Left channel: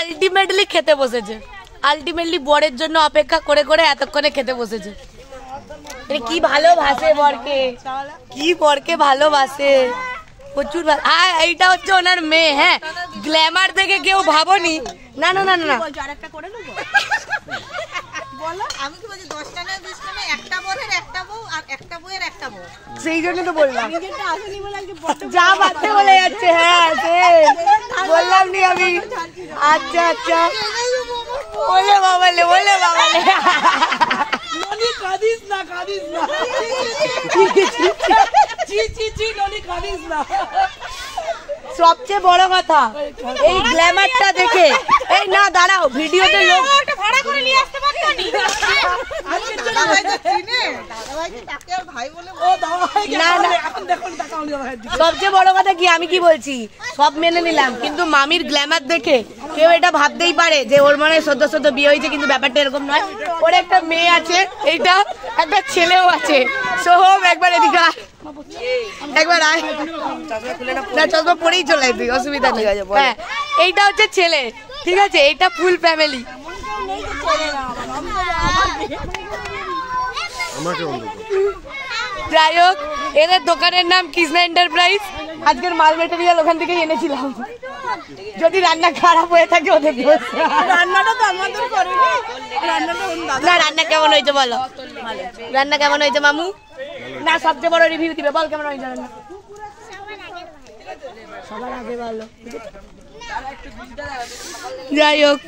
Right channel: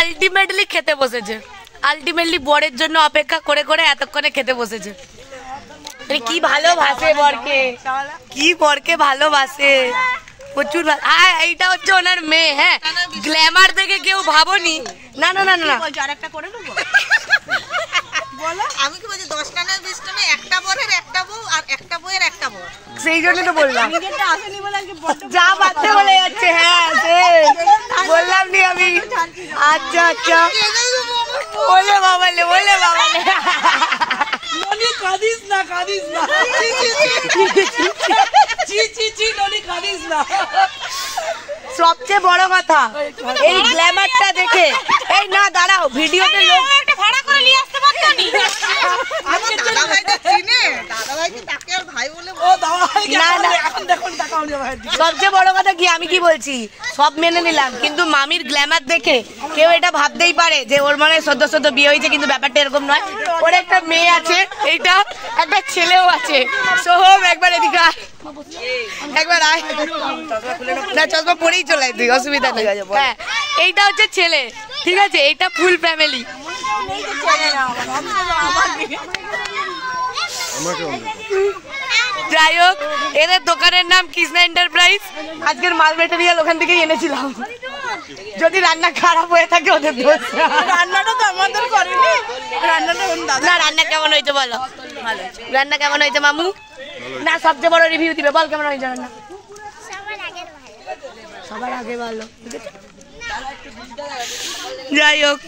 Ultimately খেতে বসেছে, ultimately বরের জন্য অপেক্ষা করে করে এতক্ষণে খেতে বসেছে। কি ভালোবাসে বরকে, কি বরকে ভালোবাসে প্রচুর। হ্যাঁ এইটা হচ্ছে ওনার মেয়ে। হ্যাঁ গ্ল্যামার দেখে কেউ ভাবনি। না না না না আরেকটা করে নেবো। আমি কি বলছি 10টা না 20টা না, একটা বরের একটা বউ আর একটা বউয়ের একটা বর। সেই জন্য তো বললাম যা বাচ্চা বলে যাচ্ছে। হ্যাঁ বললাম নি আমি। আচ্ছা আচ্ছা বলে বাবালে, বলে বাবালে। ননি কাঁদিস না, কাঁদিস না। জি জি জি ননি কাঁদিস না। সবচেয়ে বড় কথা এই গ্ল্যামারটা দেখে, এই না দাঁড়াও ভিডিওতে লোক ভাড়া করে নিয়ে আসতে পারতানি। আমার দাদা ভাই তো চিনে, দাদা ভাই কি তাকে আর ভাই বলে? ও দাদা ভাই না না এখন দেখুন টাকা উনি ভাই দিকে। সবচেয়ে বড় কথা কি, আমি কি বলছি সব মেনে নিলাম, কিন্তু মামির গ্ল্যামার দেখে কেউ এটা ভাবতেই পারে যে ওর মানে সদ্য সদ্য বিয়ে হয়েছে, কিন্তু ব্যাপারটা এরকম নয়। ওর একটা মেয়ে আছে, এইটা একটা ছেলেও আছে। সোহম একবার এদিকে আয়, একবার আয়। না চশমা পরেই চলে তুই, অসুবিধা নেই। হ্যাঁ এইটা হচ্ছে ছেলে, ঠিক আছে, এইটা ফুল ফ্যামিলি। যাই হোক এদের দোকানের নাম কৃষ্ণা এন্টারপ্রাইজ। আজকের মাল মেটেরিয়াল ওখান থেকেই এনেছিলাম। যদি রান্না খারাপ হয়ে থাকে ওদের দোষ। রান্নাটা তো আমাদের করেনি, রান্নাটা ওর দাদা। না রান্না কেমন হয়েছে বলো? ভালো। রান্না কেমন হয়েছে মামু? না সবচেয়ে বড় রিভিউ দিবে, বল কেমন হয়েছে রান্না? সবার আগে ভালো। যাই হোক